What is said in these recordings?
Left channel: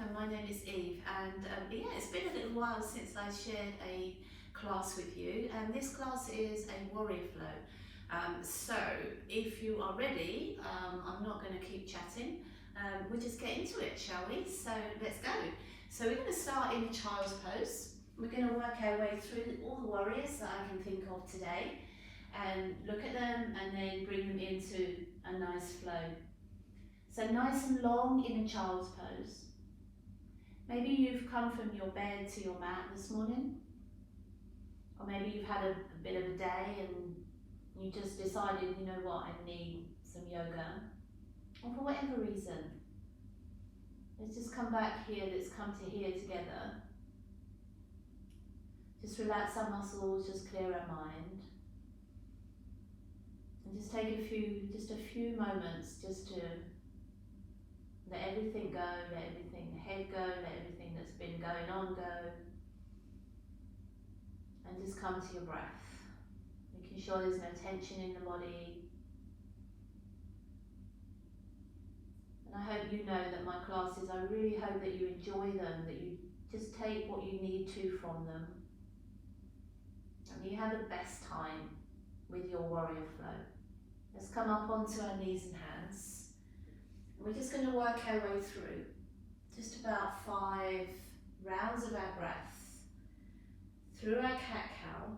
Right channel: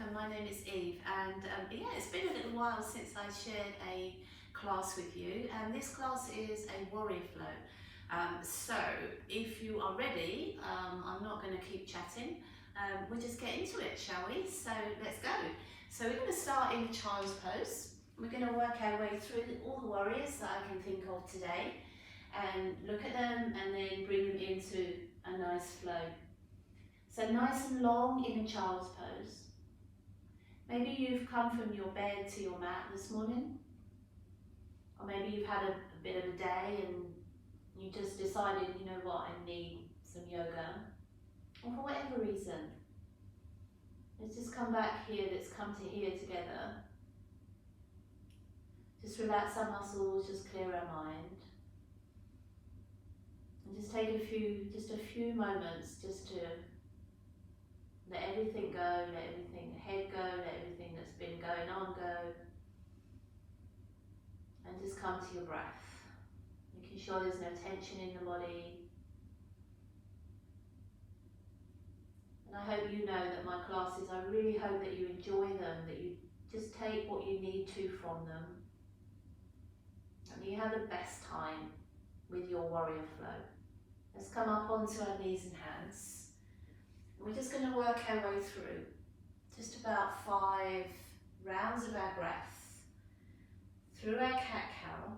welcome. My name is Eve, and yeah, it's been a little while since I shared a class with you, and this class is a warrior flow. So if you are ready, I'm not going to keep chatting, we'll just get into it, shall we? So let's go. So we're going to start in a child's pose. We're going to work our way through all the warriors that I can think of today, and look at them and then bring them into a nice flow. So nice and long in a child's pose. Maybe you've come from your bed to your mat this morning, or maybe you've had a bit of a day and you just decided, you know what, I need some yoga, or for whatever reason. Let's just come back here, let's come to here together. Just relax our muscles, just clear our mind. And just take just a few moments just to let everything go, let everything ahead go, let everything that's been going on go. And just come to your breath, making sure there's no tension in the body. And I hope you know that my classes, I really hope that you enjoy them, that you just take what you need to from them. And you have the best time with your warrior flow. Let's come up onto our knees and hands. We're just going to work our way through just about 5 rounds of our breath through our cat-cow.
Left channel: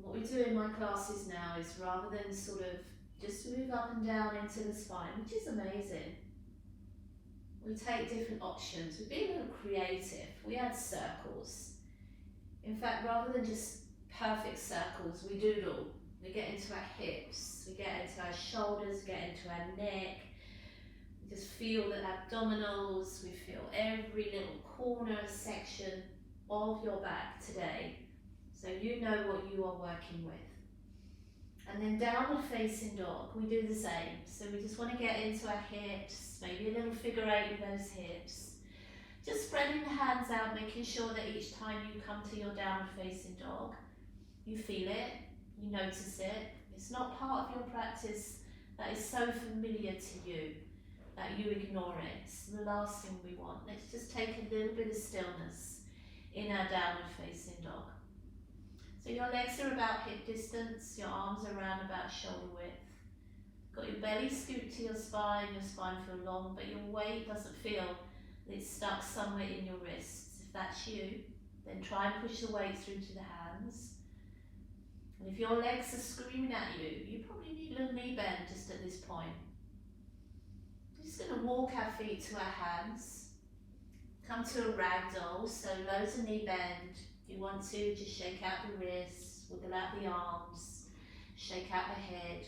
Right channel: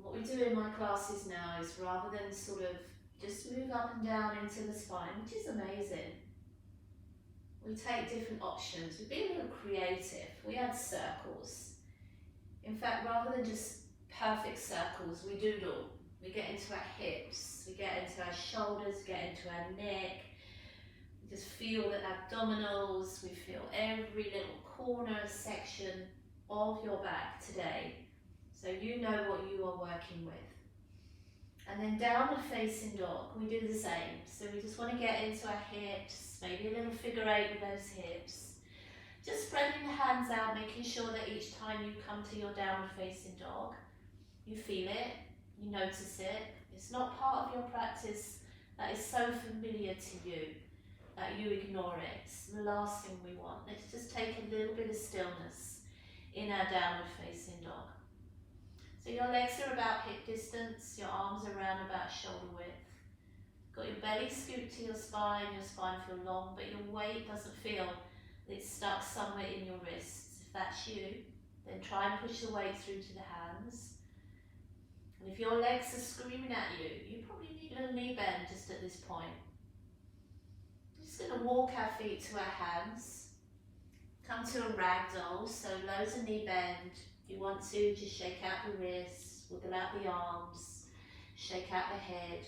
What we do in my classes now is, rather than sort of just move up and down into the spine, which is amazing, we take different options. We've been a little creative. We add circles. In fact, rather than just perfect circles, we doodle. We get into our hips, we get into our shoulders, get into our neck. We just feel the abdominals, we feel every little corner section of your back today. So you know what you are working with. And then downward facing dog, we do the same. So we just want to get into our hips, maybe a little figure 8 with those hips. Just spreading the hands out, making sure that each time you come to your downward facing dog, you feel it. You notice it. It's not part of your practice that is so familiar to you that you ignore it. It's the last thing we want. Let's just take a little bit of stillness in our downward facing dog. So your legs are about hip distance, your arms are around about shoulder width. Got your belly scooped to your spine feel long, but your weight doesn't feel that it's stuck somewhere in your wrists. If that's you, then try and push the weight through to the hands. And if your legs are screaming at you, you probably need a little knee bend just at this point. We're just going to walk our feet to our hands. Come to a ragdoll, so loads of knee bend. If you want to, just shake out the wrists, wiggle out the arms, shake out the head.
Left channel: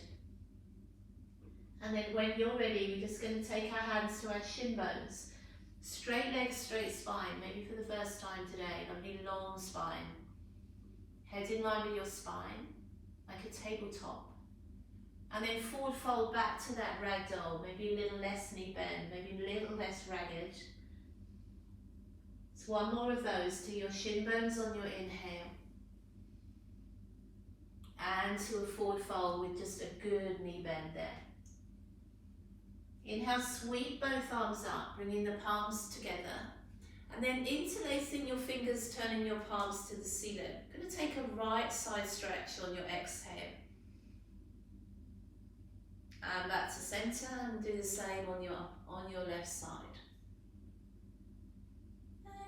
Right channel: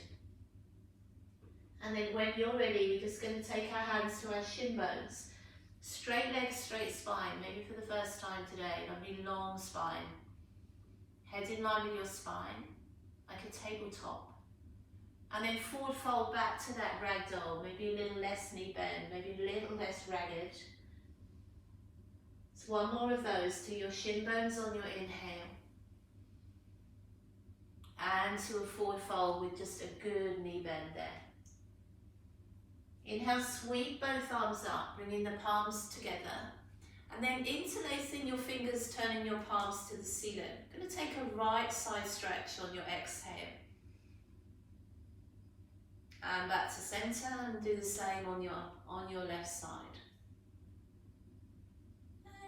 And then when you're ready, we're just going to take our hands to our shin bones. Straight legs, straight spine, maybe for the first time today, lovely long spine. Head in line with your spine, like a tabletop. And then forward fold back to that ragdoll, maybe a little less knee bend, maybe a little less ragged. So one more of those to your shin bones on your inhale. And to a forward fold with just a good knee bend there. Inhale, sweep both arms up, bringing the palms together. And then interlacing your fingers, turning your palms to the ceiling. Going to take a right side stretch on your exhale. And back to center, and do the same on your left side.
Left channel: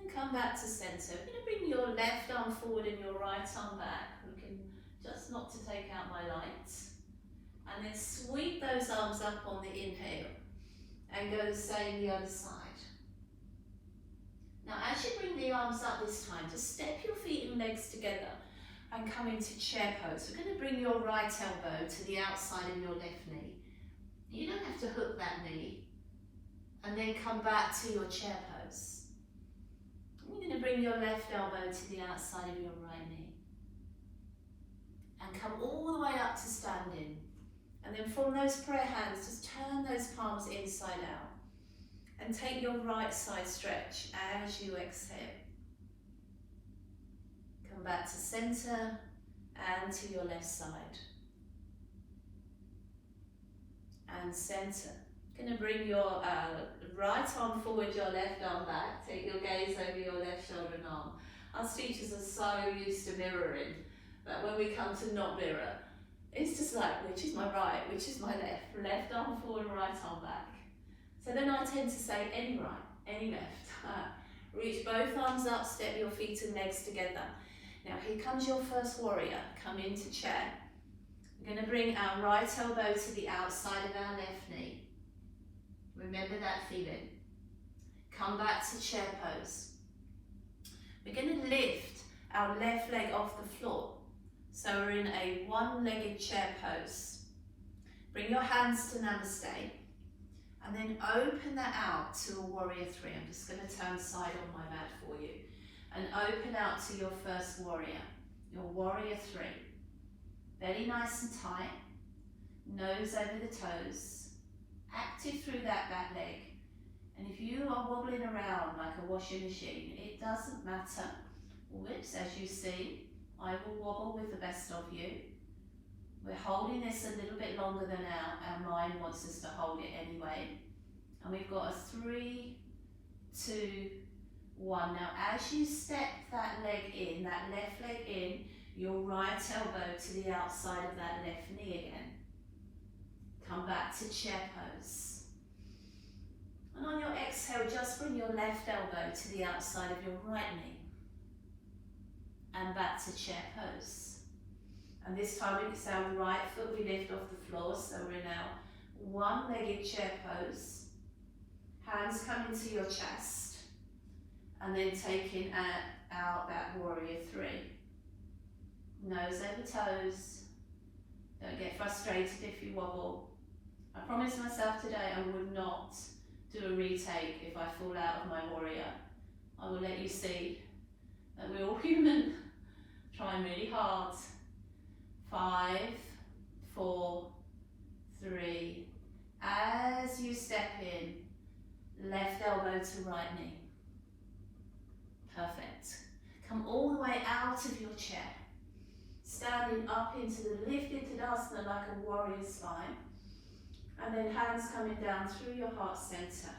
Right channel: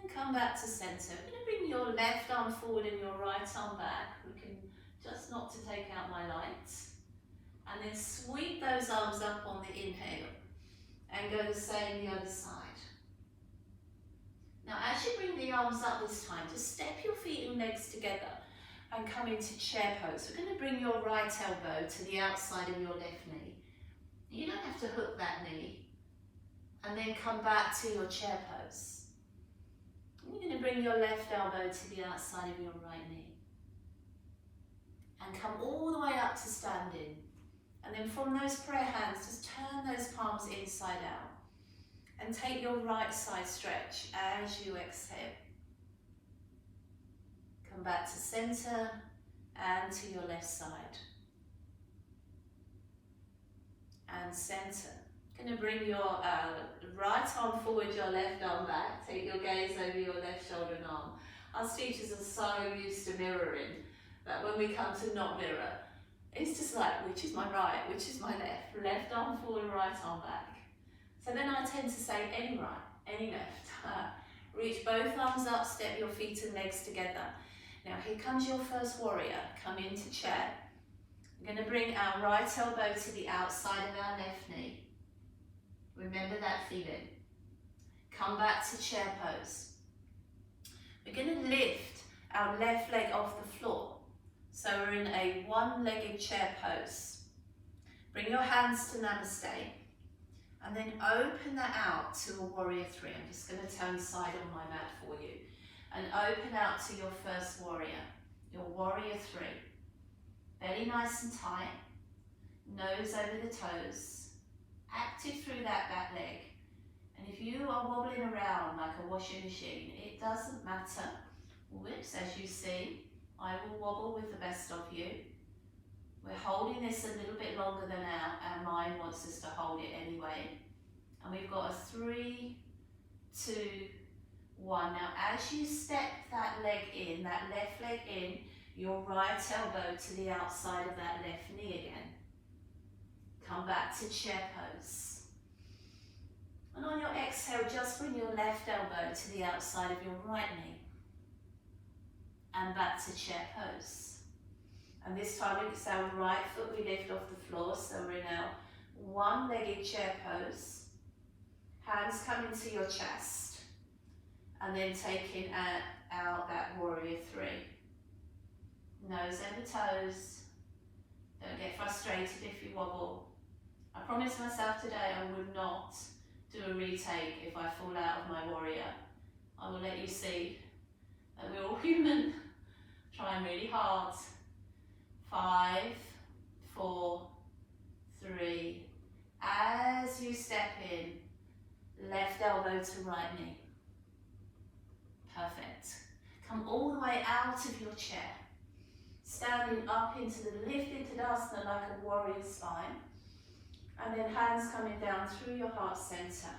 And come back to center. We're going to bring your left arm forward and your right arm back. Looking just not to take out my lights. And then sweep those arms up on the inhale. And go the same the other side. Now as you bring the arms up this time, just step your feet and legs together and come into chair pose. We're going to bring your right elbow to the outside of your left knee. You don't have to hook that knee. And then come back to your chair pose. And you're going to bring your left elbow to the outside of your right knee. And come all the way up to standing. And then from those prayer hands, just turn those palms inside out. And take your right side stretch as you exhale. Come back to center and to your left side. And center Going to bring your right arm forward, your left arm back. Take your gaze over your left shoulder and arm. Us teachers are so used to mirroring that when we come to not mirror, it's just like, which is my right, which is my left? Left arm forward, right arm back. So then I tend to say any right, any left. Reach both arms up, step your feet and legs together. Now here comes your first warrior. Come into chair. We're going to bring our right elbow to the outside of our left knee. Remember that feeling. Come back to chair pose. We're going to lift our left leg off the floor. So we're in a one-legged chair pose. Bring your hands to Namaste. And then open that out to a warrior three. I'm just going to turn side on my mat for you. And open out to your first warrior, your warrior three. Belly nice and tight. Nose over the toes. Active through that back leg. And if you are wobbling around like a washing machine, it doesn't matter. Whoops, as you see, I will wobble with the best of you. We're holding this a little bit longer than our mind wants us to hold it anyway. And we've got a 3, 2, 1. Now as you step that leg in, that left leg in, your right elbow to the outside of that left knee again. Come back to chair pose. And on your exhale, just bring your left elbow to the outside of your right knee. And back to chair pose. And this time it's our right foot we lift off the floor, so we're in our one-legged chair pose. Hands come into your chest. And then taking out that warrior three. Nose over toes. Don't get frustrated if you wobble. I promised myself today I would not do a retake if I fall out of my warrior. I will let you see that we're all human, trying really hard. 5, 4, 3. As you step in, left elbow to right knee. Perfect. Come all the way out of your chair. Standing up into the lifted Tadasana like a warrior spine. And then hands coming down through your heart center.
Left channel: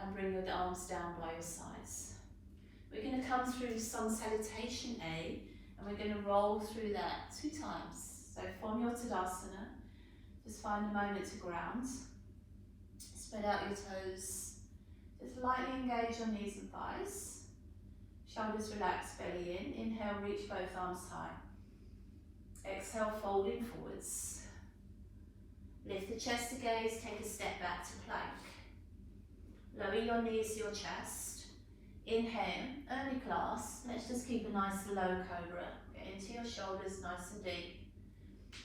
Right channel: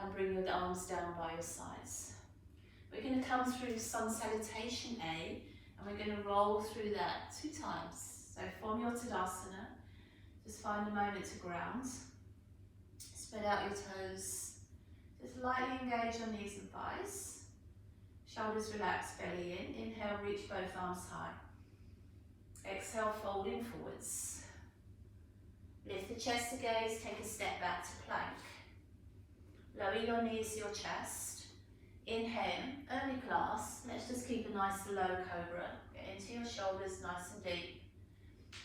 And bring your arms down by your sides. We're going to come through sun salutation A. And we're going to roll through that 2 times. So from your Tadasana, just find a moment to ground. Spread out your toes. Just lightly engage your knees and thighs. Shoulders relaxed, belly in. Inhale, reach both arms high. Exhale, folding forwards. Lift the chest to gaze, take a step back to plank. Lower your knees to your chest. Inhale, early class. Let's just keep a nice low cobra. Get into your shoulders nice and deep.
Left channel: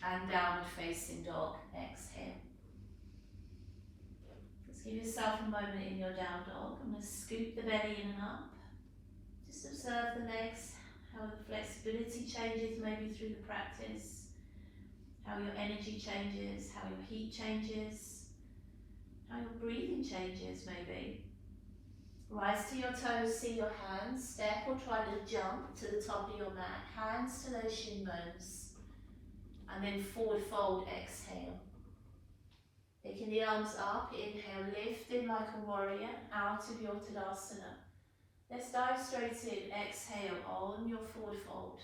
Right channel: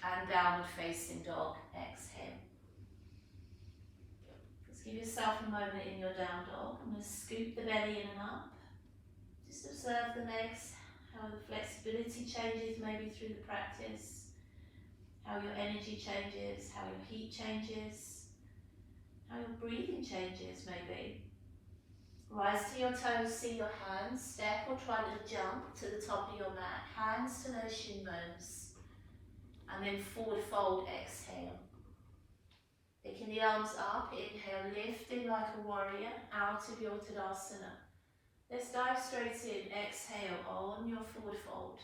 And downward facing dog. Exhale. Just give yourself a moment in your down dog. I'm going to scoop the belly in and up. Just observe the legs, how the flexibility changes maybe through the practice, how your energy changes, how your heat changes, how your breathing changes maybe. Rise to your toes, see your hands, step or try to jump to the top of your mat, hands to those shin bones, and then forward fold, exhale. Picking the arms up, inhale, lifting like a warrior, out of your Tadasana. Let's dive straight in, exhale on your forward fold.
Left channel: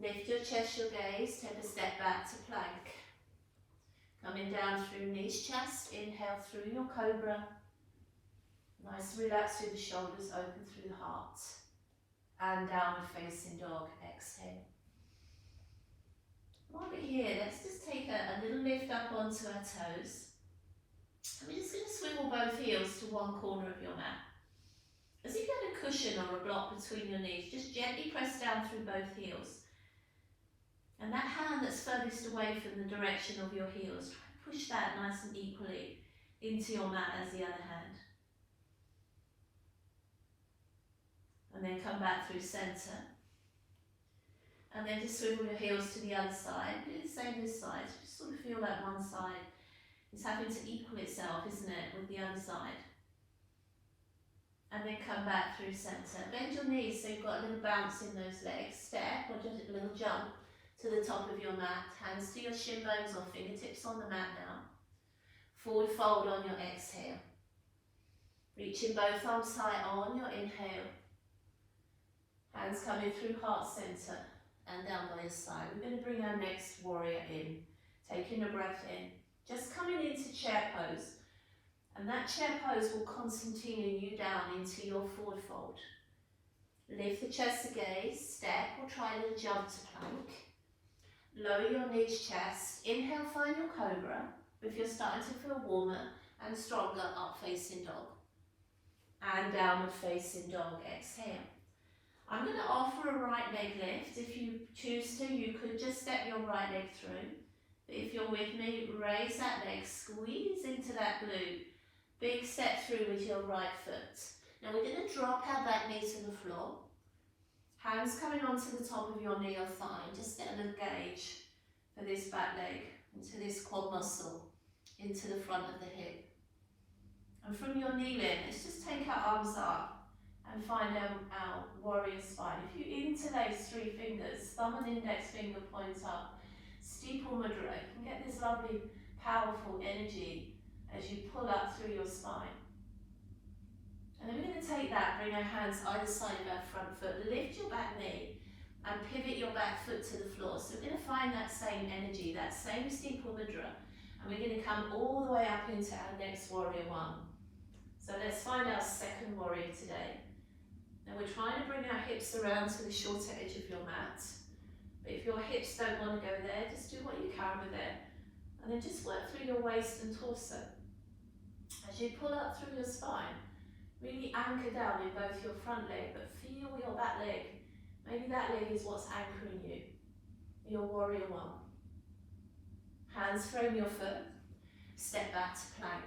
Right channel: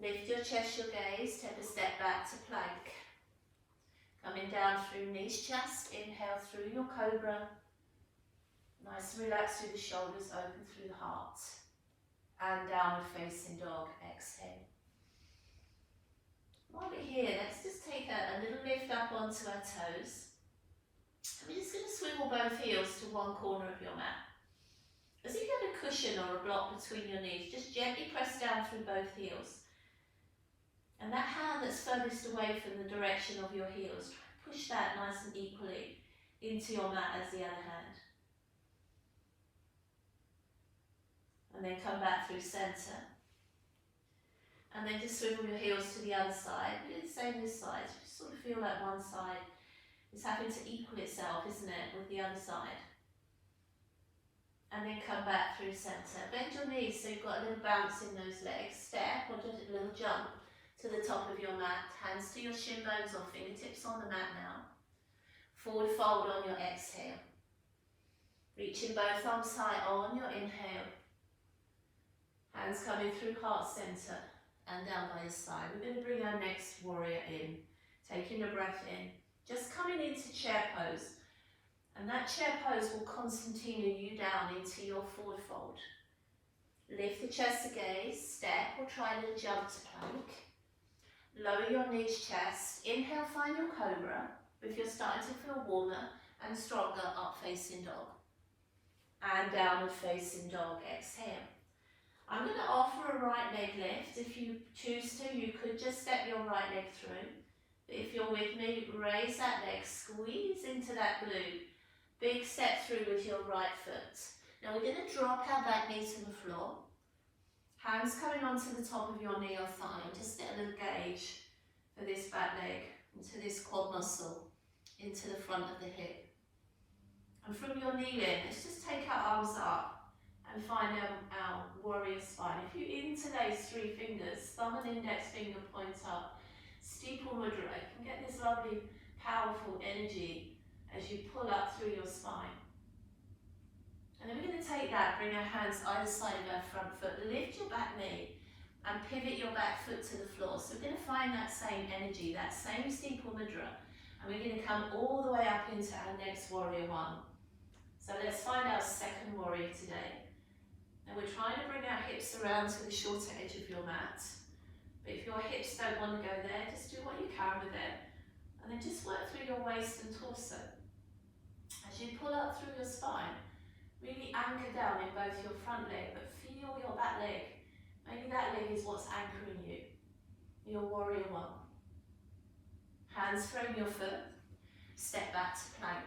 Lift your chest, your gaze, take a step back to plank. Coming down through knees, chest, inhale through your cobra. Nice and relax through the shoulders, open through the heart. And downward facing dog, exhale. While we're here, let's just take a little lift up onto our toes. And we're just going to swivel both heels to one corner of your mat. As if you had a cushion or a block between your knees, just gently press down through both heels. And that hand that's furthest away from the direction of your heels, try and push that nice and equally into your mat as the other hand. And then come back through centre. And then just swivel your heels to the other side. Do the same this side. Just sort of feel like one side is having to equal itself, isn't it, with the other side. And then come back through centre. Bend your knees so you've got a little bounce in those legs. Step or just a little jump to the top of your mat. Hands to your shin bones or fingertips on the mat now. Forward fold on your exhale. Reaching both arms high on your inhale. Hands coming through heart center and down by your side. We're going to bring our next warrior in. Taking a breath in. Just coming into chair pose. And that chair pose will concertina you down into your forward fold. Lift the chest to gaze, step or try a little jump to plank. Lower your knees, chest. Inhale, find your cobra. If you're starting to feel warmer and stronger, up facing dog. And downward facing dog, exhale. I'm going to offer a right leg lift. If you choose to, you could just step your right leg through. But if you're with me, raise that leg, squeeze into that glute. Big step through with your right foot. Now we're going to drop our back knee to the floor. Hands coming onto the top of your knee or thigh. Just get a little gauge for this back leg, into this quad muscle, into the front of the hip. And from your knee in, let's just take our arms up and find our warrior spine. If you interlace three fingers, thumb and index finger point up, steeple mudra, you can get this lovely, powerful energy as you pull up through your spine. And then we're going to take that, bring our hands either side of our front foot, lift your back knee and pivot your back foot to the floor. So we're going to find that same energy, that same steeple mudra, and we're going to come all the way up into our next warrior one. So let's find our second warrior today. Now we're trying to bring our hips around to the shorter edge of your mat. But if your hips don't want to go there, just do what you can with it. And then just work through your waist and torso. As you pull up through your spine, really anchor down in both your front leg, but feel your back leg. Maybe that leg is what's anchoring you. Your warrior one. Hands frame your foot. Step back to plank.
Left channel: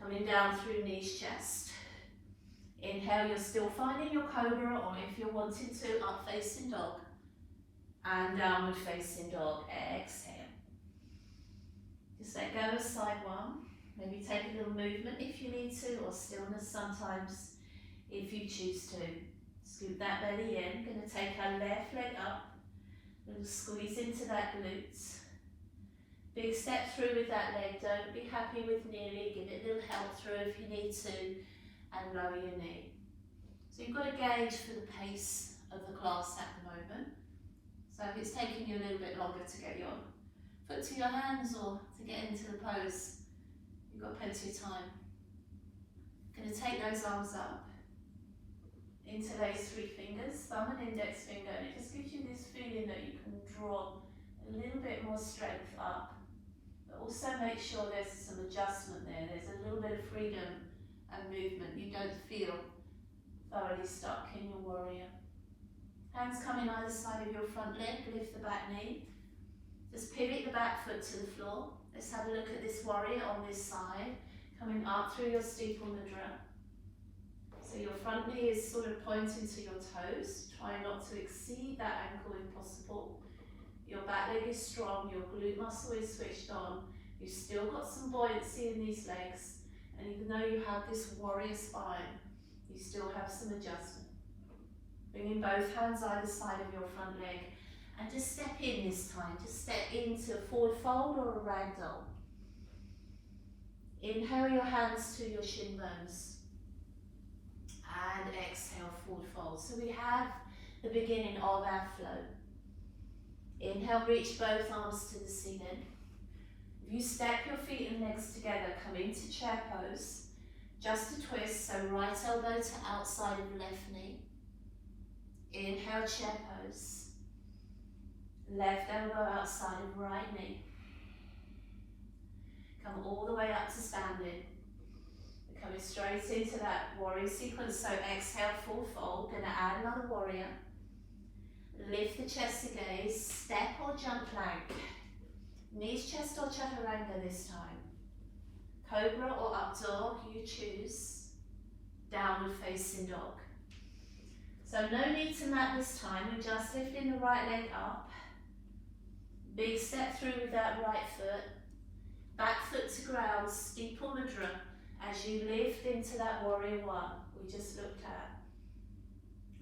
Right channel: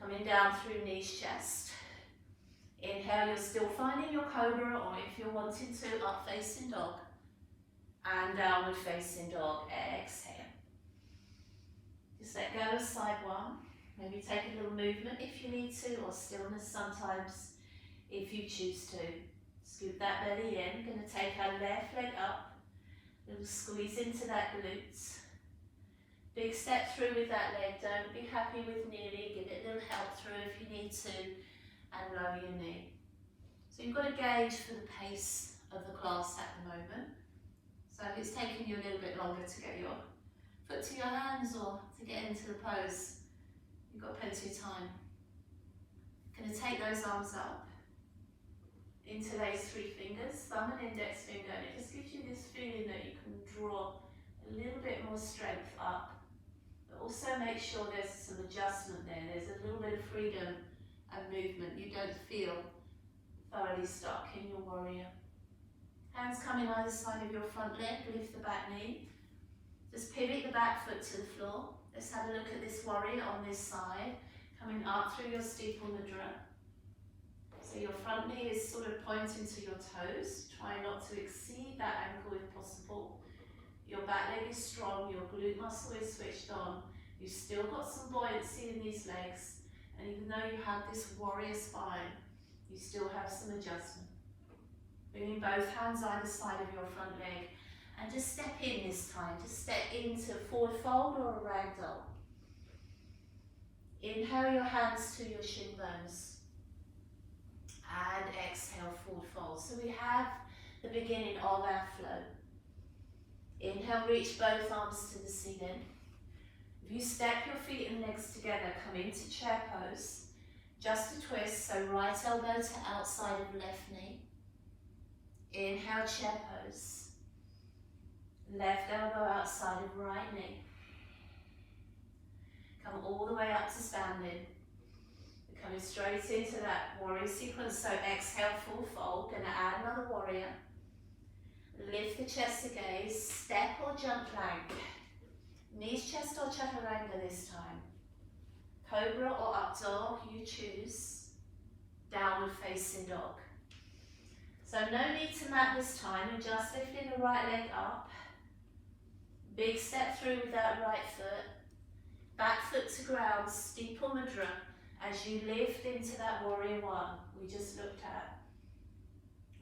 Coming down through knees, chest. Inhale, you're still finding your cobra, or if you're wanting to, up facing dog. And downward facing dog, exhale. Just let go of side one. Maybe take a little movement if you need to, or stillness sometimes if you choose to. Scoop that belly in. Going to take our left leg up. A little squeeze into that glute. Big step through with that leg. Don't be happy with nearly. Give it a little help through if you need to. And lower your knee. So you've got to gauge for the pace of the class at the moment. So if it's taking you a little bit longer to get your foot to your hands or to get into the pose, you've got plenty of time. Going to take those arms up, interlace three fingers, thumb and index finger, and it just gives you this feeling that you can draw a little bit more strength up. But also make sure there's some adjustment there. There's a little bit of freedom and movement. You don't feel thoroughly stuck in your warrior. Hands coming either side of your front leg, lift the back knee. Just pivot the back foot to the floor. Let's have a look at this warrior on this side, coming up through your steeple mudra. So your front knee is sort of pointing to your toes. Try not to exceed that ankle if possible. Your back leg is strong, your glute muscle is switched on. You've still got some buoyancy in these legs. And even though you have this warrior spine, you still have some adjustment. Bringing both hands either side of your front leg. And just step in this time. Just step into a forward fold or a ragdoll. Inhale your hands to your shin bones. And exhale, forward fold. So we have the beginning of our flow. Inhale, reach both arms to the ceiling. If you step your feet and legs together, come into chair pose. Just a twist, so right elbow to outside of left knee. Inhale, chair pose. Left elbow outside of right knee. Come all the way up to standing. We're coming straight into that warrior sequence, so exhale, full fold. Going to add another warrior. Lift the chest to gaze, step or jump plank. Knees, chest or chaturanga this time. Cobra or up dog, you choose. Downward facing dog. So no need to mat this time, we're just lifting the right leg up. Big step through with that right foot. Back foot to ground, steeple mudra, as you lift into that warrior one we just looked at.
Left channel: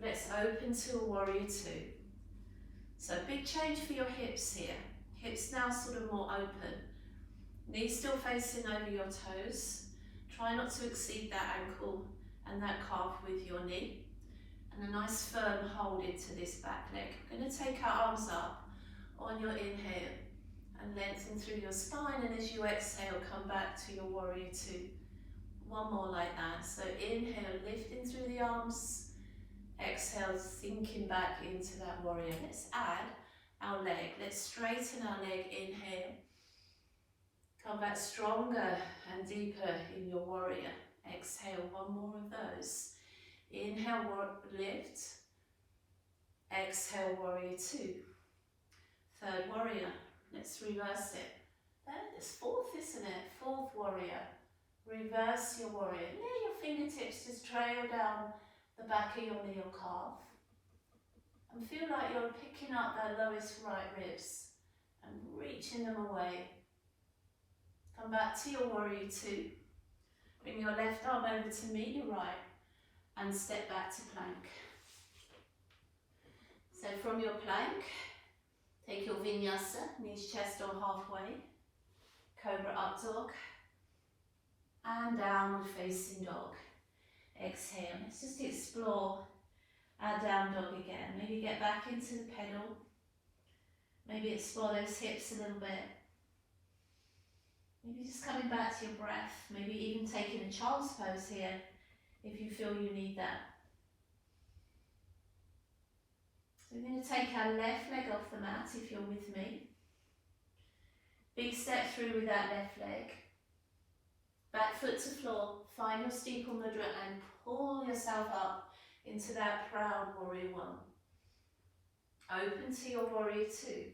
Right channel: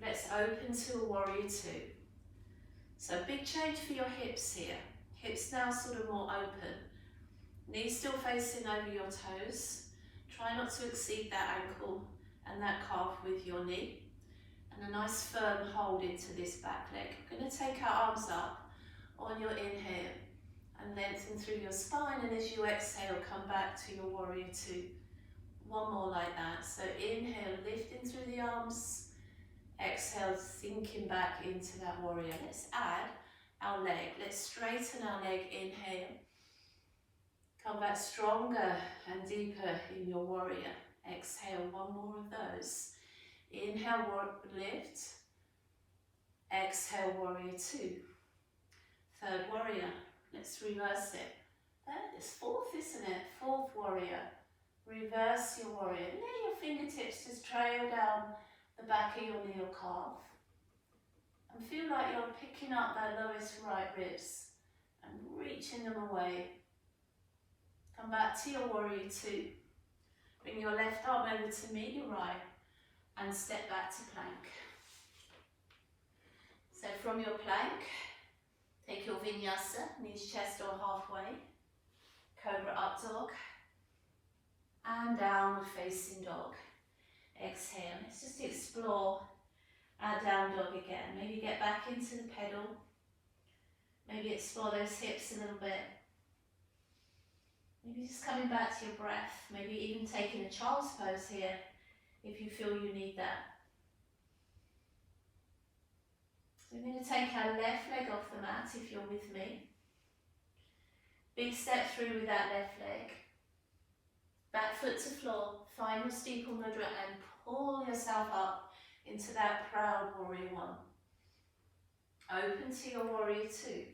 Let's open to a warrior two. So big change for your hips here. Hips now sort of more open. Knees still facing over your toes. Try not to exceed that ankle and that calf with your knee. And a nice firm hold into this back leg. We're going to take our arms up on your inhale and lengthen through your spine, and as you exhale, come back to your warrior two. One more like that. So inhale, lifting through the arms. Exhale, sinking back into that warrior. Let's add our leg. Let's straighten our leg. Inhale. Come back stronger and deeper in your warrior. Exhale, one more of those. Inhale, lift. Exhale, warrior two. Third warrior. Let's reverse it. It's fourth, isn't it? Fourth warrior. Reverse your warrior. Let your fingertips just trail down the back of your knee or calf. And feel like you're picking up that lowest right ribs and reaching them away. Come back to your warrior two. Bring your left arm over to meet your right and step back to plank. So from your plank, take your Vinyasa, knees, chest or halfway, Cobra up dog, and downward facing dog. Exhale. Let's just explore our down dog again. Maybe get back into the pedal. Maybe explore those hips a little bit. Maybe just coming back to your breath. Maybe even taking a child's pose here if you feel you need that. So we're going to take our left leg off the mat if you're with me. Big step through with that left leg. Back foot to floor. Find your steeple mudra and pull yourself up into that proud warrior one. Open to your warrior two.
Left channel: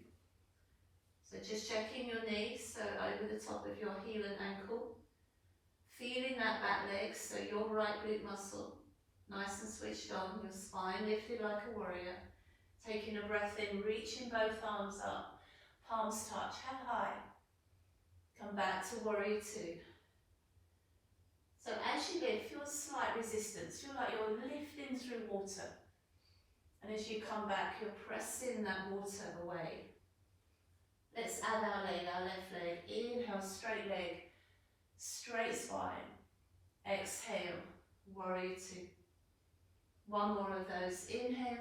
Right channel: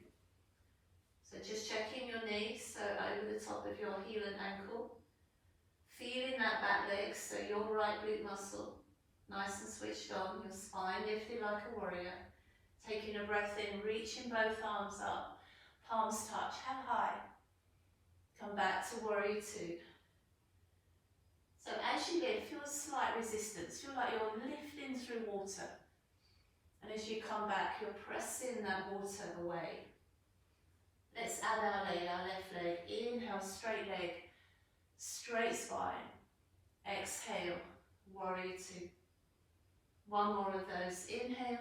So just checking your knees, so over the top of your heel and ankle. Feeling that back leg, so your right glute muscle nice and switched on. Your spine lifted like a warrior. Taking a breath in, reaching both arms up. Palms touch, head high. Come back to warrior two. So as you lift, feel a slight resistance. Feel like you're lifting through water. And as you come back, you're pressing that water away. Let's add our leg, our left leg. Inhale, straight leg, straight spine. Exhale, warrior two. One more of those. Inhale.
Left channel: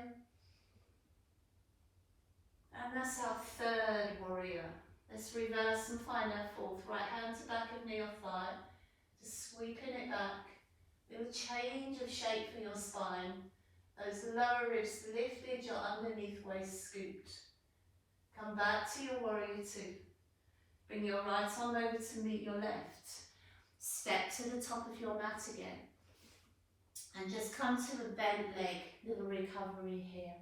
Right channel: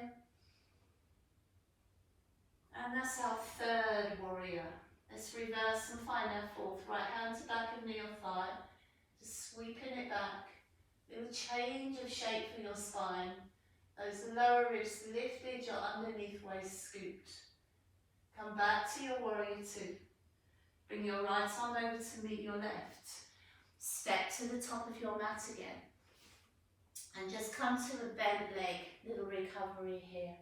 And that's our third warrior. Let's reverse and find our fourth. Right hand to back of knee or thigh. Just sweeping it back. Little change of shape for your spine. Those lower ribs lifted, your underneath waist scooped. Come back to your warrior two. Bring your right arm over to meet your left. Step to the top of your mat again. And just come to a bent leg. Little recovery here.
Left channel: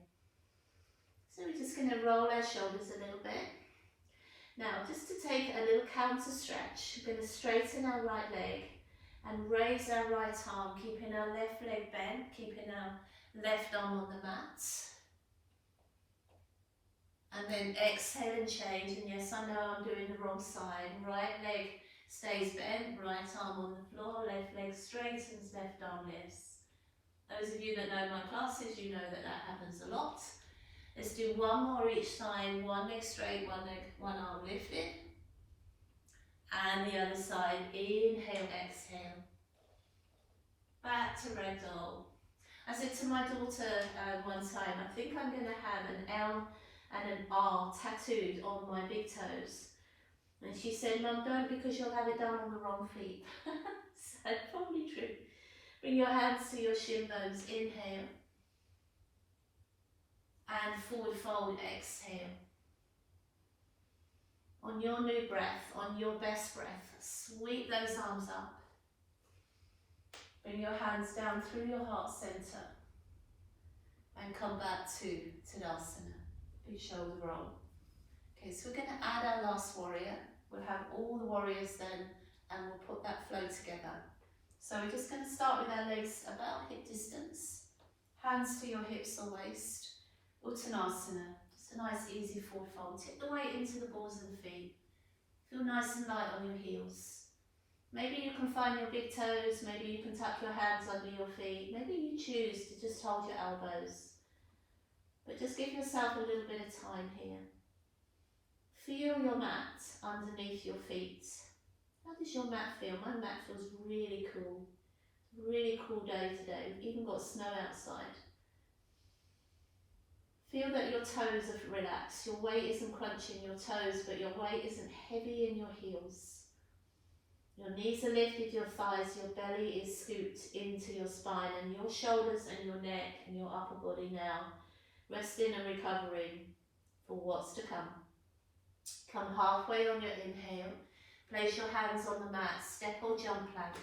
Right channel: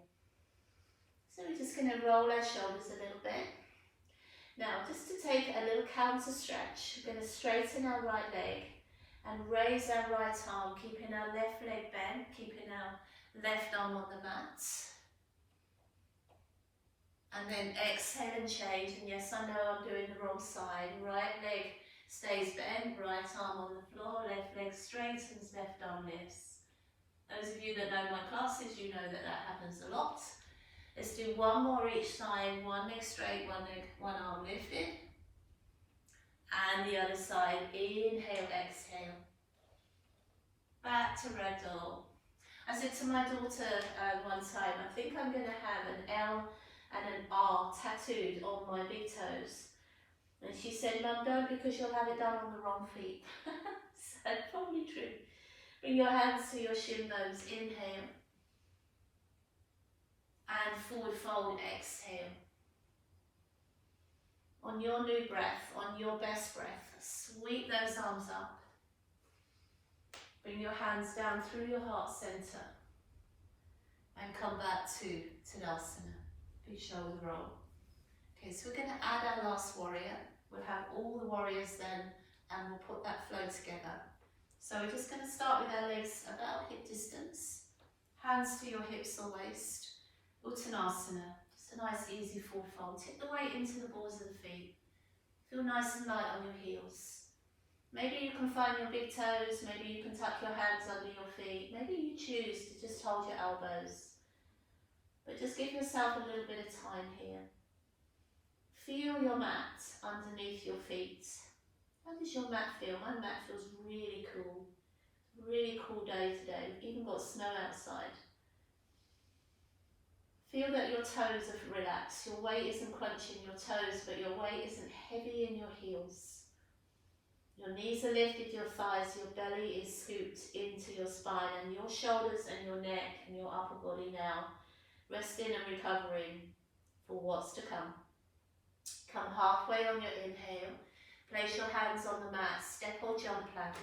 So we're just going to roll our shoulders a little bit. Now, just to take a little counter stretch, we're going to straighten our right leg and raise our right arm, keeping our left leg bent, keeping our left arm on the mat. And then exhale and change. And yes, I know I'm doing the wrong side. Right leg stays bent, right arm on the floor, left leg straightens, left arm lifts. Those of you that know my classes, you know that that happens a lot. Let's do one more each side. One leg straight, one arm lifted. And the other side. Inhale, exhale. Back to ragdoll. I said to my daughter one time, I think I'm going to have an L and an R tattooed on my big toes. And she said, Mum, don't, because you'll have it done on the wrong feet. So probably true. Bring your hands to your shin bones. Inhale. And forward fold, exhale. On your new breath, on your best breath, sweep those arms up. Bring your hands down through your heart center. And come back to Tadasana. Big shoulder roll. Okay, so we're going to add our last warrior. We'll have all the warriors then, and we'll put that flow together. So we're just going to start with our legs about hip distance. Hands to your hips or waist. Uttanasana, just a nice easy forward fold. Tip the weight into the balls of the feet. Feel nice and light on your heels. Maybe you can find your big toes, maybe you can tuck your hands under your feet. Maybe you choose to just hold your elbows. But just give yourself a little bit of time here. Feel your mat underneath your feet. How does your mat feel? My mat feels really cool. Really cool day today. We've even got snow outside. Feel that your toes are relaxed. Your weight isn't crunching your toes, but your weight isn't heavy in your heels. Your knees are lifted, your thighs, your belly is scooped into your spine, and your shoulders and your neck and your upper body now resting and recovering for what's to come. Come halfway on your inhale. Place your hands on the mat, step or jump plank.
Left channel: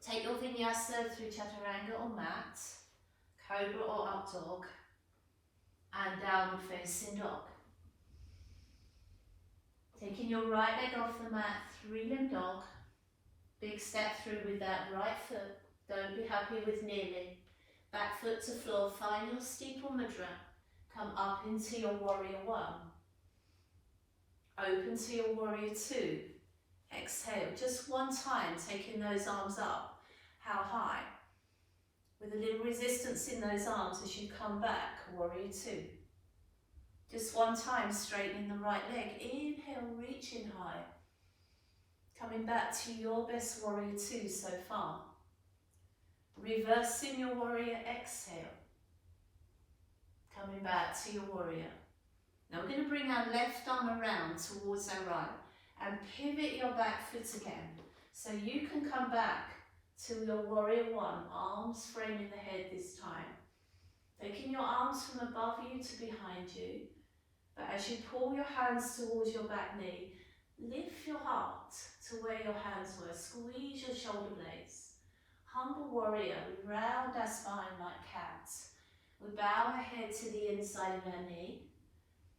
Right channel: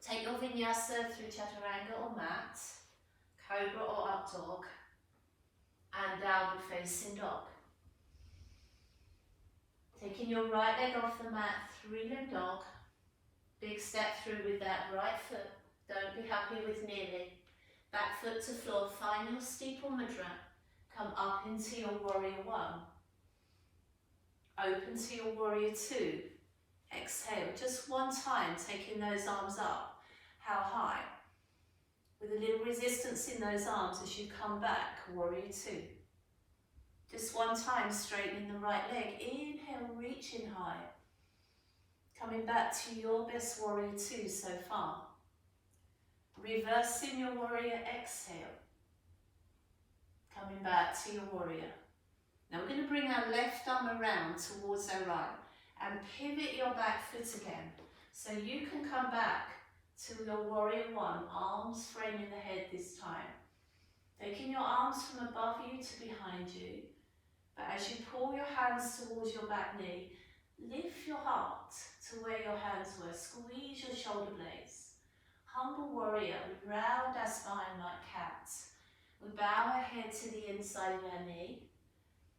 Take your vinyasa through chaturanga or mat, cobra or up dog, and downward facing dog. Taking your right leg off the mat, three-limb dog. Big step through with that right foot. Don't be happy with nearly. Back foot to floor, find your steeple mudra. Come up into your warrior one. Open to your warrior two. Exhale, just one time, taking those arms up. How high? With a little resistance in those arms as you come back, warrior two. Just one time, straightening the right leg. Inhale, reaching high. Coming back to your best warrior two so far. Reversing your warrior, exhale. Coming back to your warrior. Now we're going to bring our left arm around towards our right and pivot your back foot again. So you can come back to your warrior one, arms framing the head this time. Taking your arms from above you to behind you. But as you pull your hands towards your back knee, lift your heart to where your hands were. Squeeze your shoulder blades. Humble warrior, we round our spine like cats. We bow our head to the inside of our knee.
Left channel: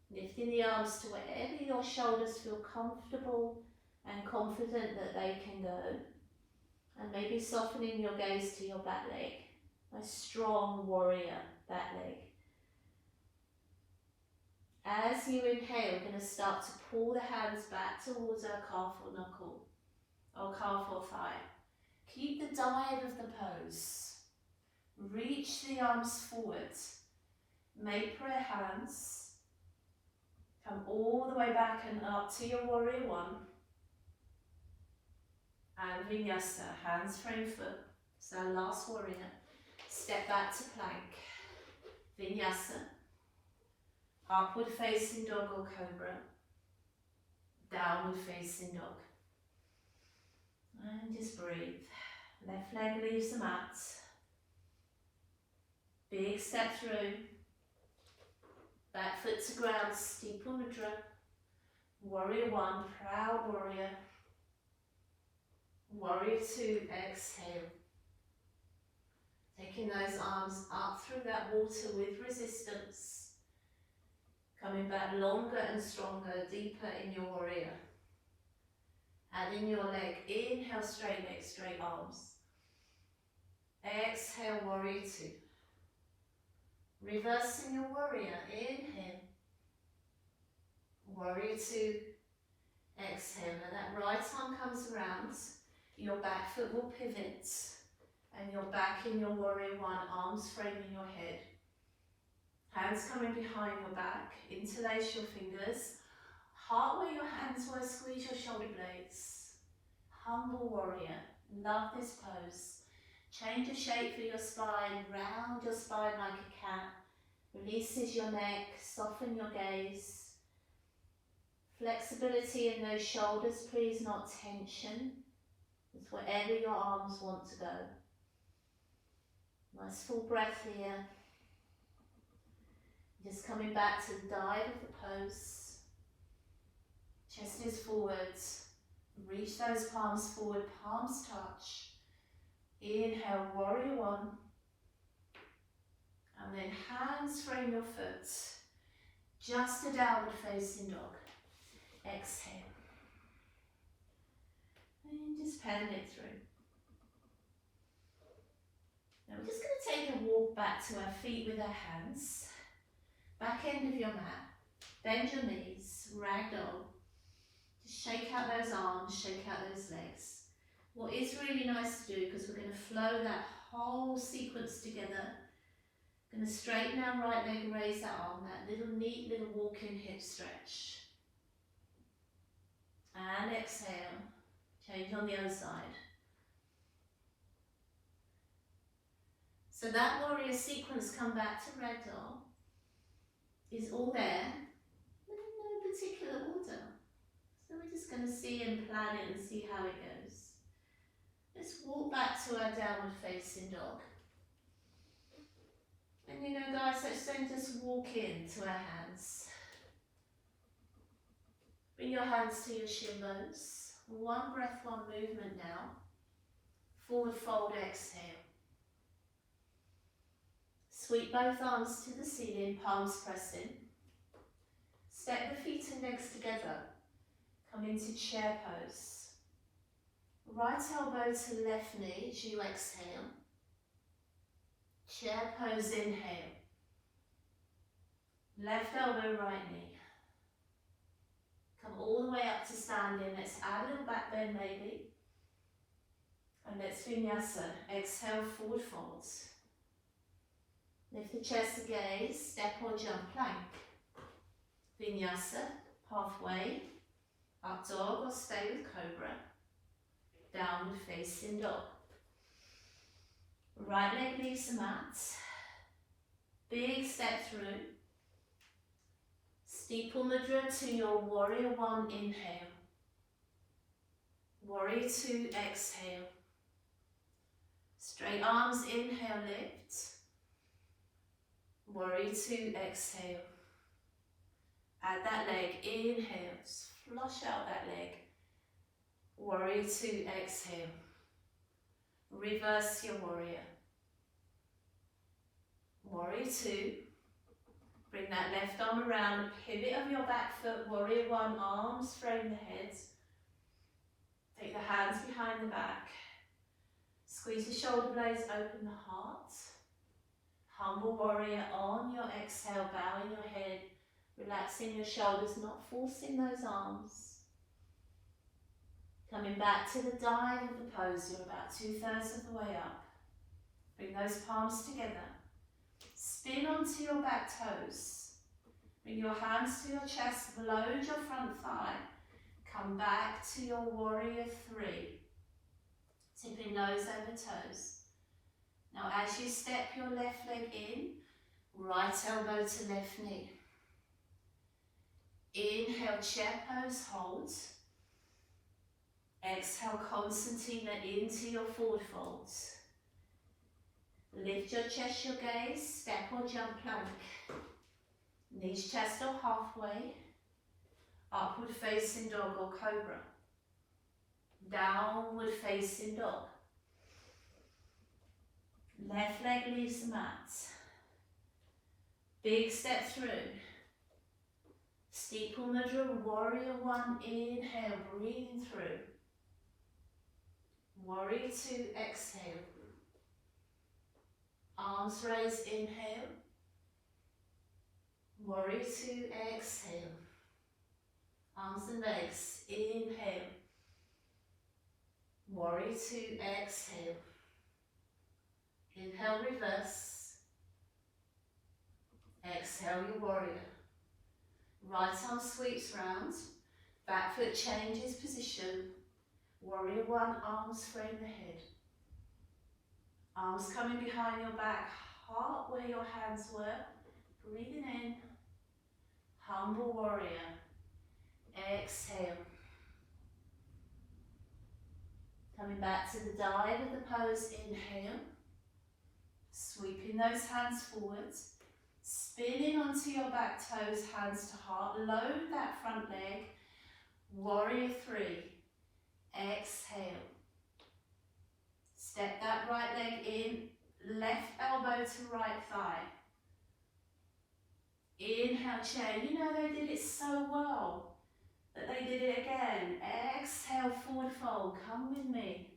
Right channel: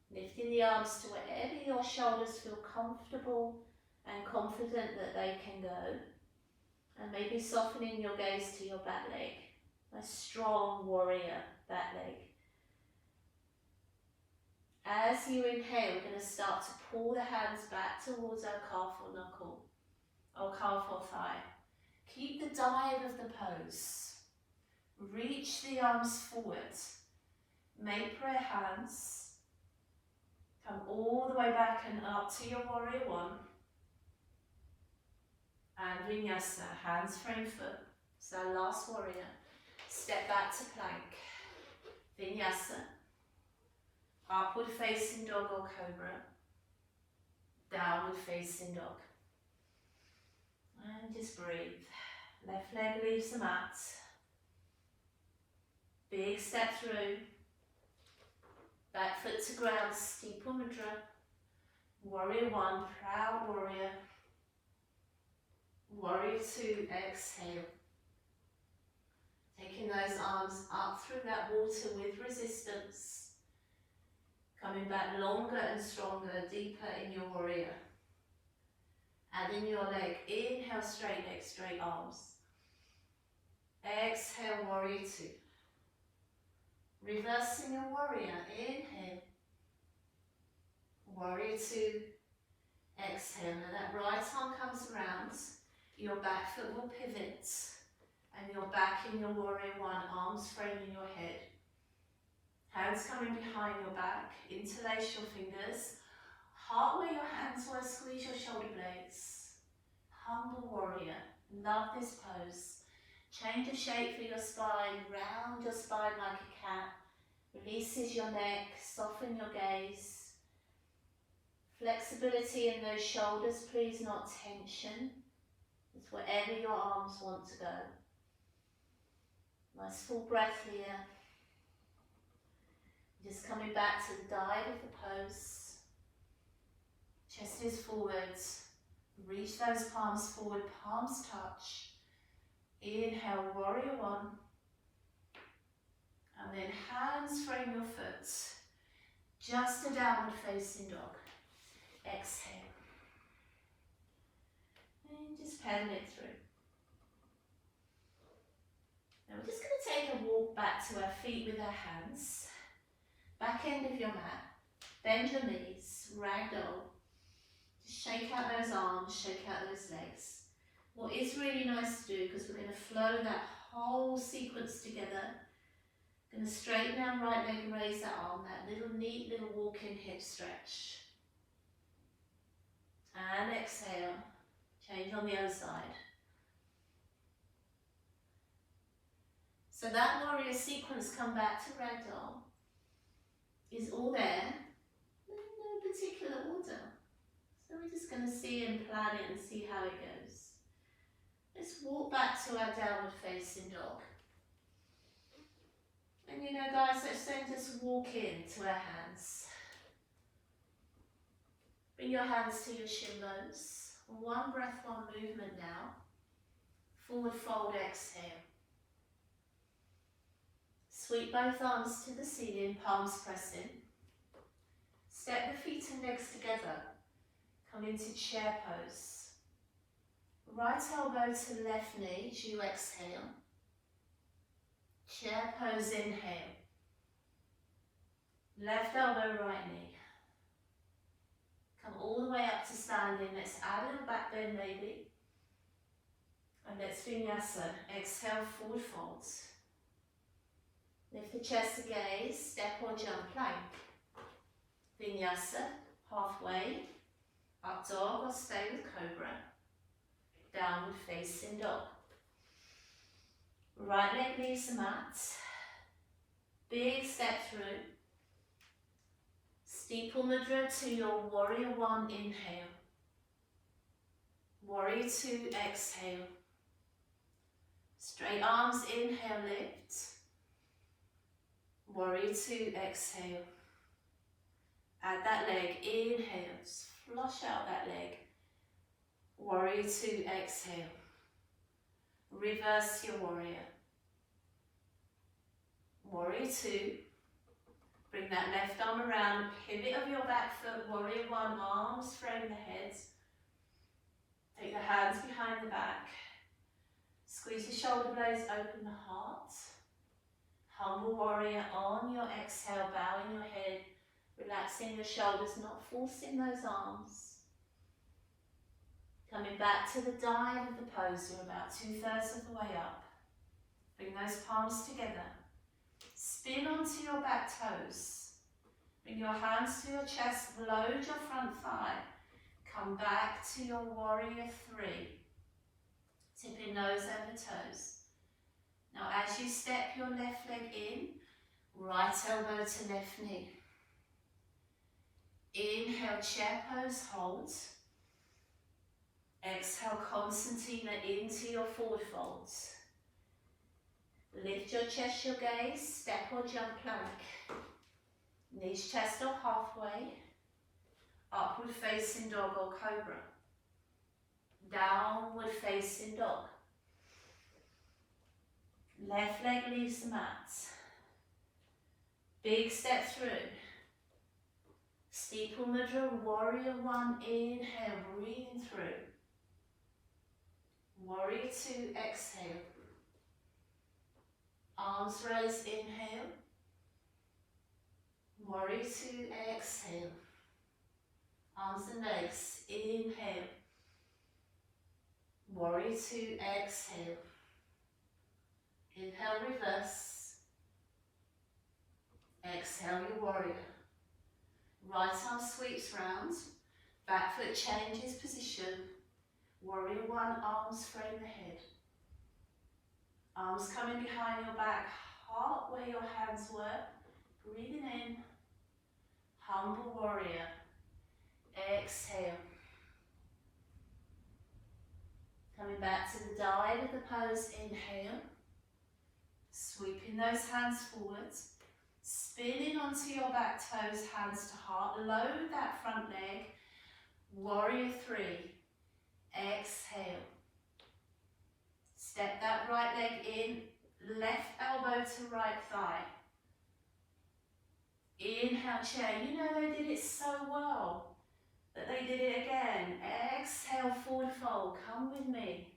Lifting the arms to wherever your shoulders feel comfortable and confident that they can go. And maybe softening your gaze to your back leg. A strong warrior back leg. As you inhale, we're going to start to pull the hands back towards our calf or knuckle, or calf or thigh. Keep the dive of the pose. Reach the arms forward. Make prayer hands. Come all the way back and up to your warrior one. And Vinyasa, hands frame foot. So last warrior. Step back to plank. Vinyasa. Upward facing dog or cobra. Downward facing dog. And just breathe. Left leg leaves the mat. Big step through. Back foot to ground, steeple mudra. Warrior one, proud warrior. Warrior two, exhale. Taking those arms up through that water with resistance. Coming back longer and stronger, deeper in your warrior. And in your leg, inhale, straight leg, straight arms. Exhale, warrior two. Reversing your warrior, inhale. Warrior two, exhale. Now that right arm comes around, your back foot will pivot. And you're back in your warrior one, arms framing your head. Hands coming behind your back, interlace your fingers. Heart where your hands were, squeeze your shoulder blades. Humble warrior, love this pose. Change the shape for your spine, round your spine like a cat. Releases your neck, soften your gaze. Flexibility in those shoulders, please, not tension. It's wherever your arms want to go. Nice full breath here. Just coming back to the dive of the pose. Chest is forwards. Reach those palms forward, palms touch. Inhale, warrior one. And then hands frame your foot. Just a downward facing dog. Exhale. And just pedal it through. Now we're just going to take a walk back to our feet with our hands. Back end of your mat. Bend your knees, ragdoll. Just shake out those arms, shake out those legs. What is really nice to do, because we're going to flow that whole sequence together. Going to straighten our right leg and raise that arm, that little neat little walking hip stretch. And exhale. Change on the other side. So that warrior sequence, come back to ragdoll, is all there, in no particular order. So we're just going to see and plan it and see how it goes. Let's walk back to our downward facing dog. And you know guys, let's then just walk into our hands. Bring your hands to your shin bones. One breath, one movement now. Forward fold, exhale. Sweep both arms to the ceiling, palms pressing. Step the feet and legs together. Come into chair pose. Right elbow to left knee as you exhale. Chair pose, inhale. Left elbow, right knee. Come all the way up to standing. Let's add a little back bend maybe. And let's Vinyasa. Exhale, forward folds. Lift the chest to gaze, step or jump plank. Vinyasa, halfway. Up dog or stay with cobra. Downward facing dog. Right leg leaves the mat. Big step through. Steeple mudra to your warrior one, inhale. Warrior two, exhale. Straight arms, inhale, lift. Warrior two, exhale. Add that leg, inhale, just flush out that leg. Warrior two, exhale. Reverse your warrior. Warrior two. Bring that left arm around, pivot of your back foot, warrior one, arms frame the head. Take the hands behind the back. Squeeze the shoulder blades, open the heart. Humble warrior on your exhale, bowing your head, relaxing your shoulders, not forcing those arms. Coming back to the dive of the pose, you're about 2/3 of the way up. Bring those palms together. Spin onto your back toes. Bring your hands to your chest, load your front thigh. Come back to your warrior three. Tipping nose over toes. Now as you step your left leg in, right elbow to left knee. Inhale, chair pose, hold. Exhale, concertina into your forward folds. Lift your chest, your gaze, step or jump plank. Knees, chest or halfway. Upward facing dog or cobra. Downward facing dog. Left leg leaves the mat. Big step through. Steeple mudra, warrior one, inhale, breathing through. Warrior two, exhale. Arms raised, inhale. Warrior two, exhale. Arms and legs, inhale. Warrior two, exhale. Inhale, reverse. Exhale, your warrior. Right arm sweeps round. Back foot changes position. Warrior one, arms frame the head. Arms coming behind your back, heart where your hands were. Breathing in. Humble warrior. Exhale. Coming back to the dive of the pose, inhale. Sweeping those hands forwards. Spinning onto your back toes, hands to heart. Load that front leg. Warrior three. Exhale. Step that right leg in, left elbow to right thigh. Inhale, chair. You know they did it so well that they did it again. Exhale, forward fold. Come with me.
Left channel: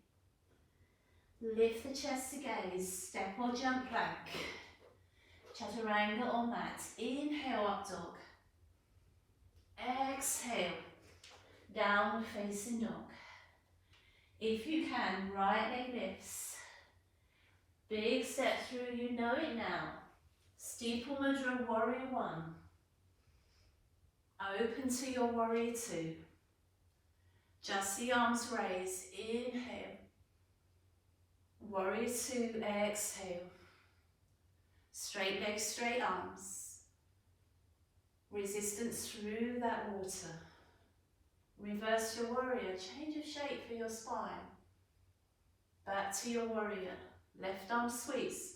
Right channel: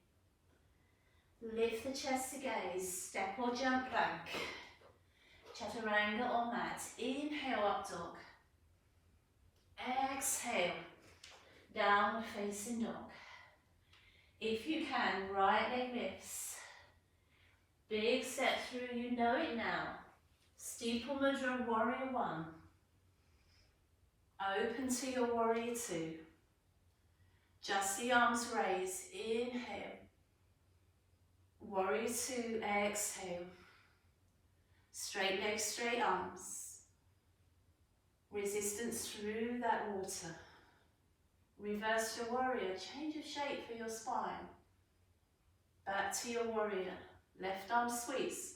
Lift the chest to gaze. Step or jump plank. Chaturanga or mat. Inhale, up dog. Exhale, downward facing dog. If you can, right leg lifts. Big step through, you know it now. Steeple mudra, warrior one. Open to your warrior two. Just the arms raised. Inhale. Warrior two. Exhale. Straight legs, straight arms. Resistance through that water. Reverse your warrior. Change of shape for your spine. Back to your warrior. Left arm squeeze.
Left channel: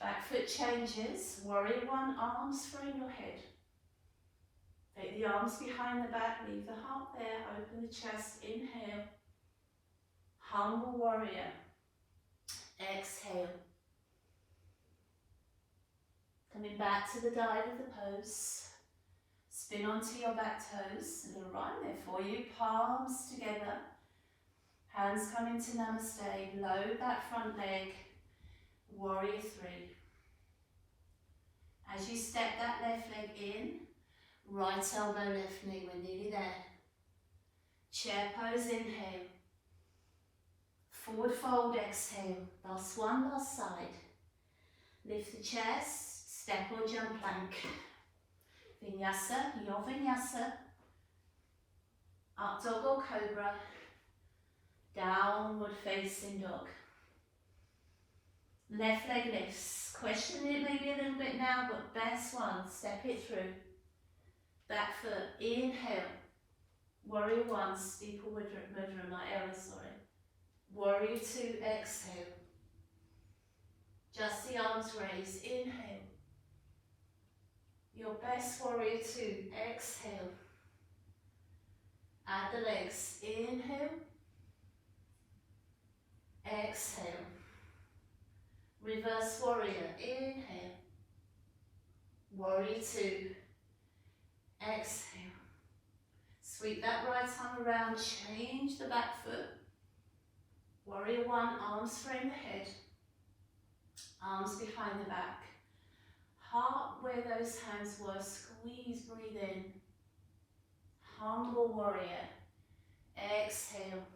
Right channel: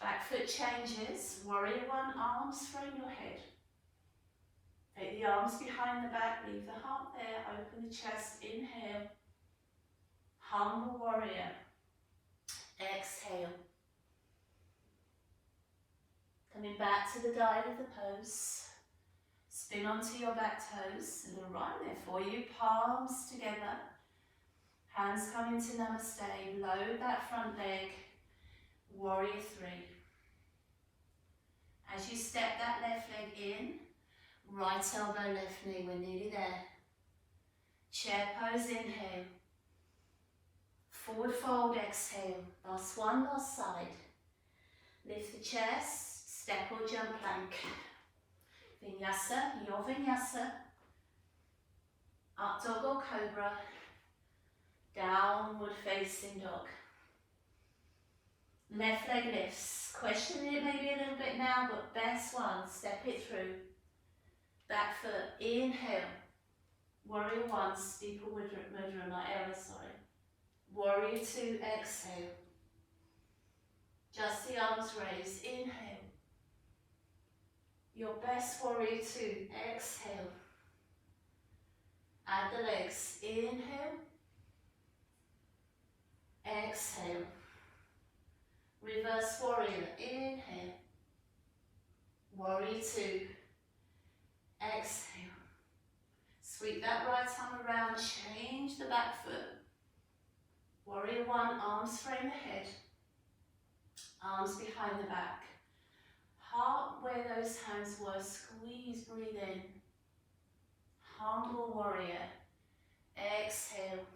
Back foot changes. Warrior one. Arms frame your head. Take the arms behind the back, leave the heart there, open the chest, inhale. Humble warrior. Exhale. Coming back to the dive of the pose. Spin onto your back toes, and a right there for you, palms together. Hands come into namaste, load that front leg, warrior three. As you step that left leg in, right elbow, left knee, we're nearly there. Chair pose, inhale. Forward fold, exhale. Last one, last side. Lift the chest, step or jump plank. Vinyasa, your Vinyasa. Up dog or cobra. Downward facing dog. Left leg lifts. Question it maybe a little bit now, but best one, step it through. Back foot, inhale. Warrior one, steeple mudra, my error, sorry. Warrior two, exhale. Just the arms raised, inhale. Your best warrior two, exhale. Add the legs, inhale. Exhale. Reverse warrior, inhale. Warrior two. Exhale. Sweep that right arm around, change the back foot. Warrior one, arms frame the head. Arms behind the back. Heart where those hands were, squeeze, breathe in. Humble warrior. Exhale.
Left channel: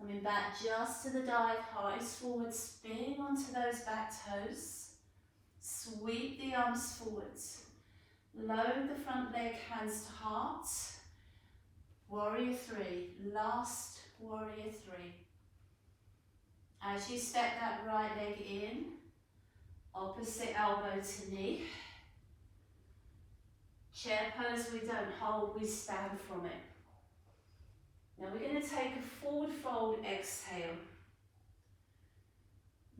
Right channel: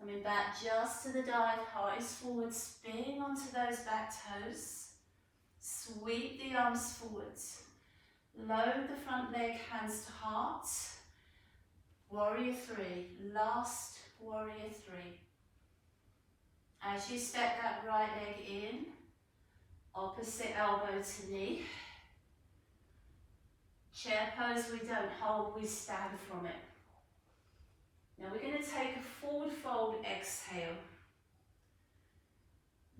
Coming back just to the dive, heart is forward, spin onto those back toes. Sweep the arms forwards. Load the front leg, hands to heart. Warrior three, last warrior three. As you step that right leg in, opposite elbow to knee. Chair pose, we don't hold, we stand from it. Now we're going to take a forward fold, exhale.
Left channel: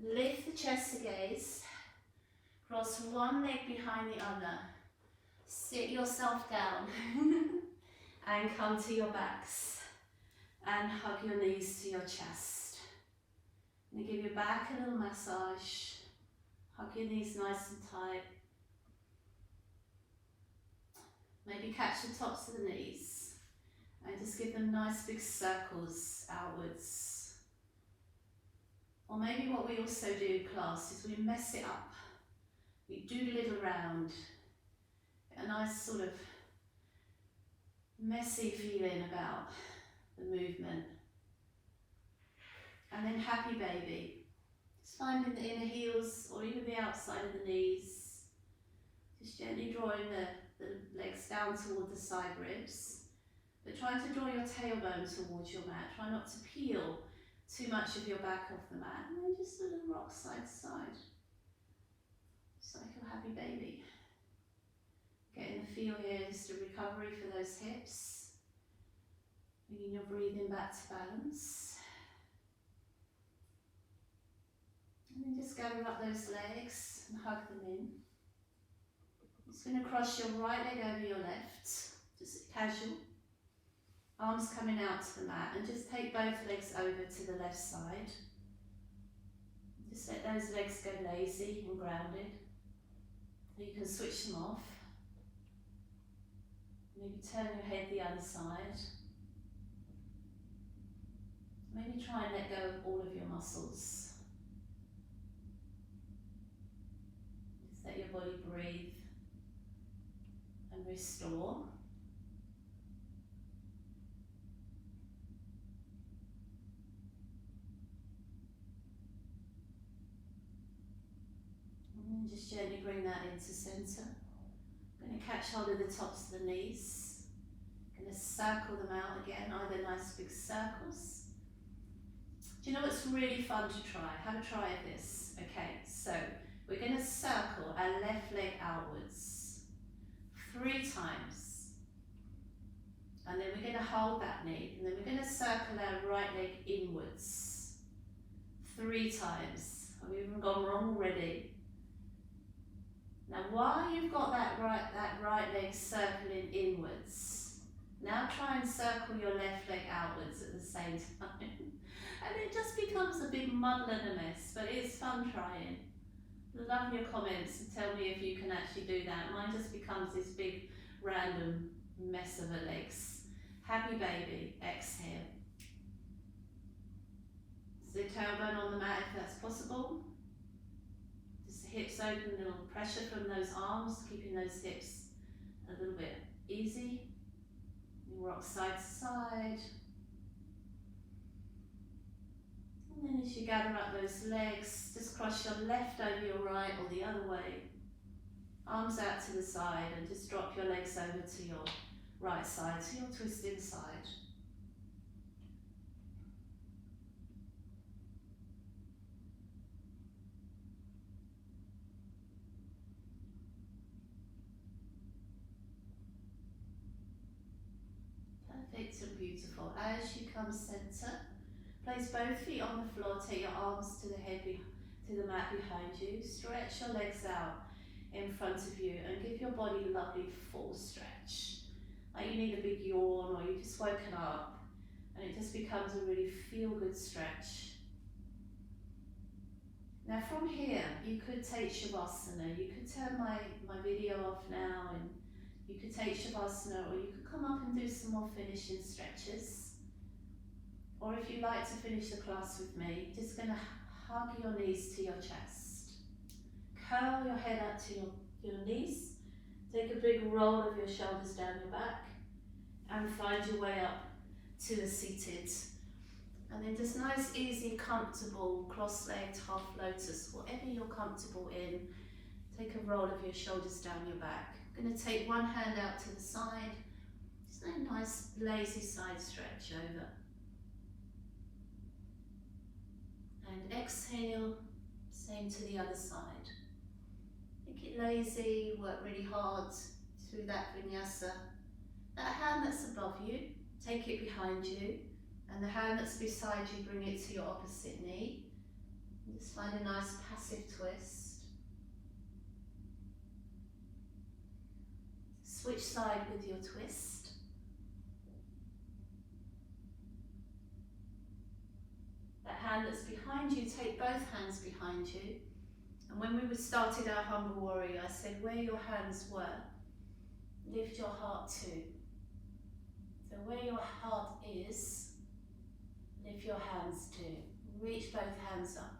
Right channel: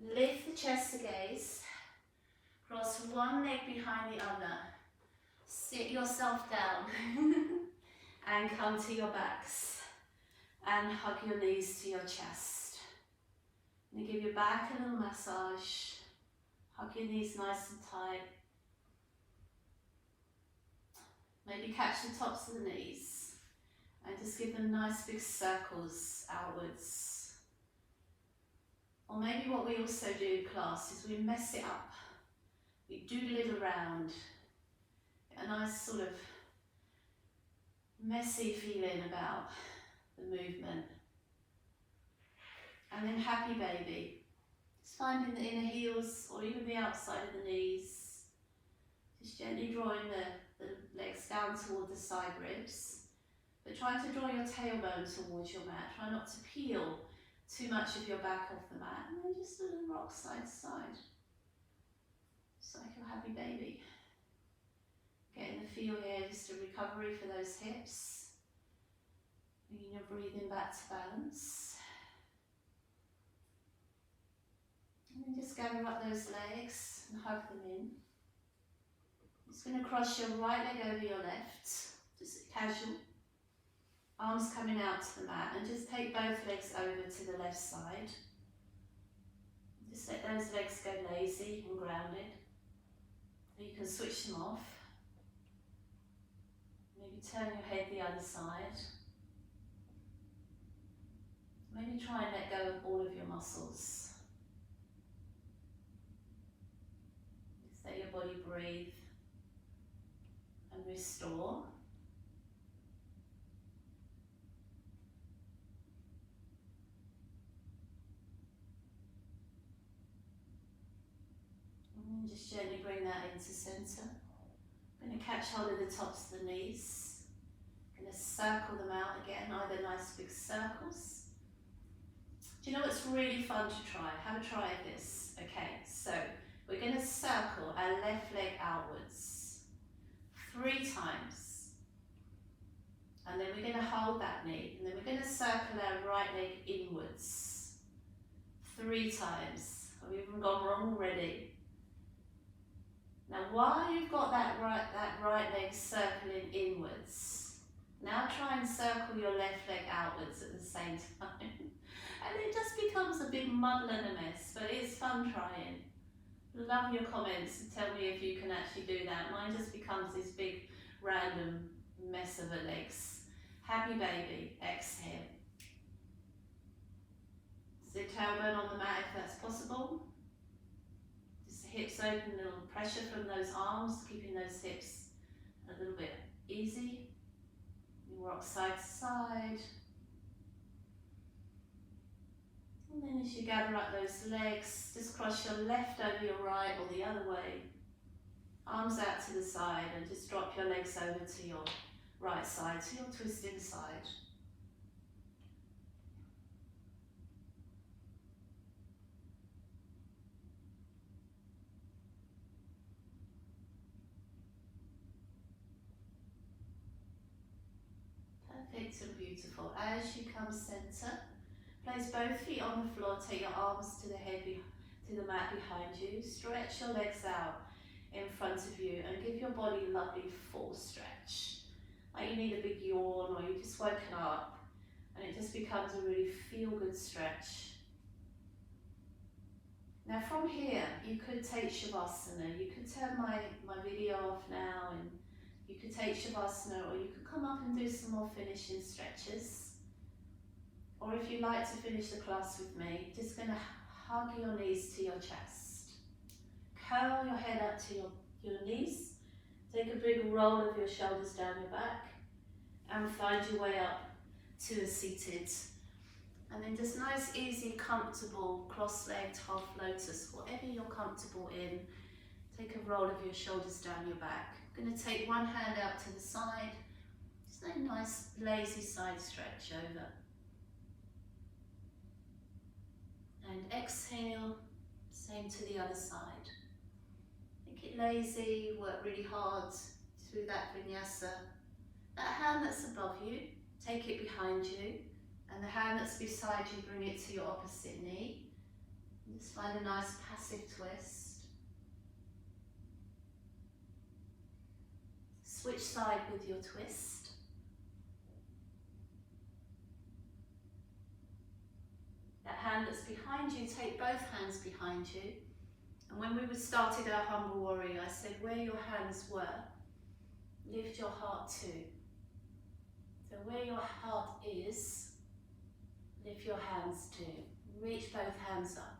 Lift the chest to gaze. Cross one leg behind the other. Sit yourself down and come to your backs and hug your knees to your chest. And give your back a little massage. Hug your knees nice and tight. Maybe catch the tops of the knees and just give them nice big circles outwards. Or maybe what we also do in class is we mess it up. We doodle around, a nice sort of messy feeling about the movement. And then happy baby. Just finding the inner heels or even the outside of the knees. Just gently drawing the legs down toward the side ribs. But try to draw your tailbone towards your mat. Try not to peel too much of your back off the mat. And then just a little rock side to side. Just like your happy baby. Getting the feel here, just a recovery for those hips. Bringing your breathing back to balance. And then just gather up those legs and hug them in. Just going to cross your right leg over your left, just casual. Arms coming out to the mat, and just take both legs over to the left side. Just let those legs go lazy and grounded. You can switch them off. Maybe turn your head the other side. Maybe try and let go of all of your muscles. Just let your body breathe and restore. And just gently bring that into centre. I'm going to catch hold of the tops of the knees. I'm going to circle them out again, either nice big circles. Do you know what's really fun to try? Have a try of this. Okay, so we're going to circle our left leg outwards 3 times. And then we're going to hold that knee. And then we're going to circle our right leg inwards 3 times. I've even gone wrong already. Now while you've got that right leg circling inwards, now try and circle your left leg outwards at the same time. And it just becomes a big muddle and a mess, but it's fun trying. Love your comments and tell me if you can actually do that. Mine just becomes this big random mess of a legs. Happy baby, exhale. Sit tailbone on the mat if that's possible. Just the hips open, a little pressure from those arms, keeping those hips a little bit easy. You rock side to side. And then as you gather up those legs, just cross your left over your right or the other way. Arms out to the side and just drop your legs over to your right side, to your twisting side. Perfect and beautiful. As you come centre, place both feet on the floor, take your arms to the head, to the mat behind you. Stretch your legs out in front of you and give your body a lovely full stretch. Like you need a big yawn or you've just woken up and it just becomes a really feel-good stretch. Now from here, you could take Shavasana. You could turn my video off now and you could take Shavasana, or you could come up and do some more finishing stretches. Or if you like to finish the class with me, just going to hug your knees to your chest. Curl your head up to your knees. Take a big roll of your shoulders down your back and find your way up to a seated. And then just nice, easy, comfortable, cross-legged, half lotus, whatever you're comfortable in. Take a roll of your shoulders down your back. I'm going to take one hand out to the side. Just a nice, lazy side stretch over. And exhale, same to the other side. Make it lazy, work really hard through that vinyasa. That hand that's above you, take it behind you, and the hand that's beside you, bring it to your opposite knee. And just find a nice passive twist. Switch side with your twist. That hand that's behind you, take both hands behind you. And when we started our humble warrior, I said where your hands were, lift your heart too. So where your heart is, lift your hands too. Reach both hands up.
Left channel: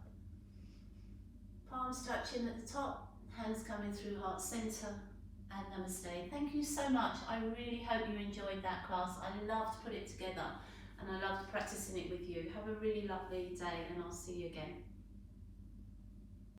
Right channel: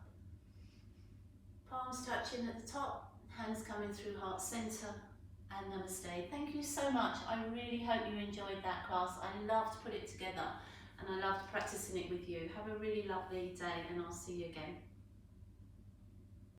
Palms touching at the top, hands coming through heart center, and namaste. Thank you so much. I really hope you enjoyed that class. I loved putting it together and I loved practicing it with you. Have a really lovely day and I'll see you again.